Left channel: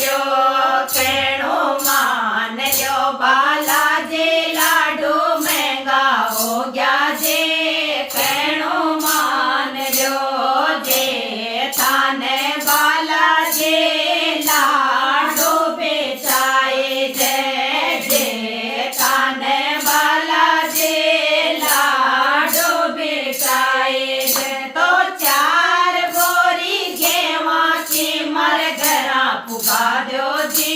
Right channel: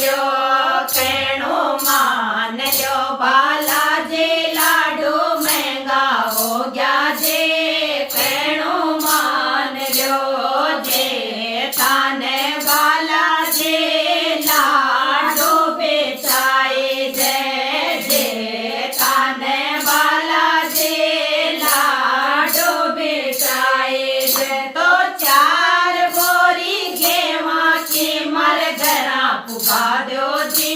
ल्यो कहणो मान ल्यो बालाजी लाडू महंगा हो गया जे कहणो मान ल्यो जे थाने बालाजी लाडू बेचाए जे थाने बालाजी लाडू बेचाए तो चार बोरी गेवा की मर घरा पुगा दो जी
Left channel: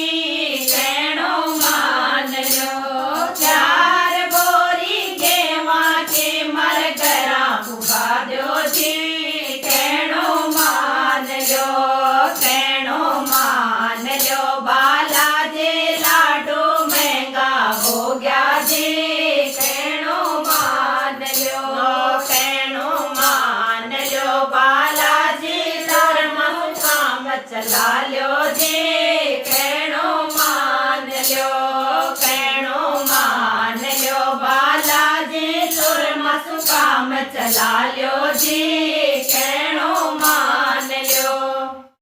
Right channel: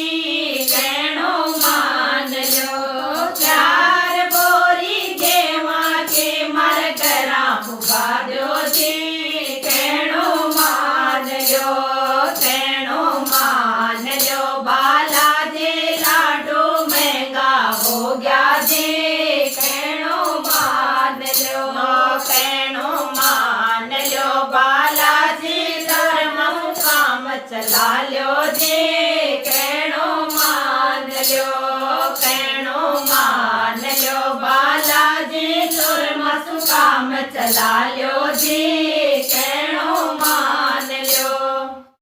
कहणो मान लो चार बोरी गेवा की मर घरा पुगा दो जी कहणो मान लो बालाजी लाडू महंगा हो गया जी कहणो मान लो बालाजी धर्म काम चला ल्यो जी कहणो मान लो बालाजी धर्म काम चला ल्यो जी कहणो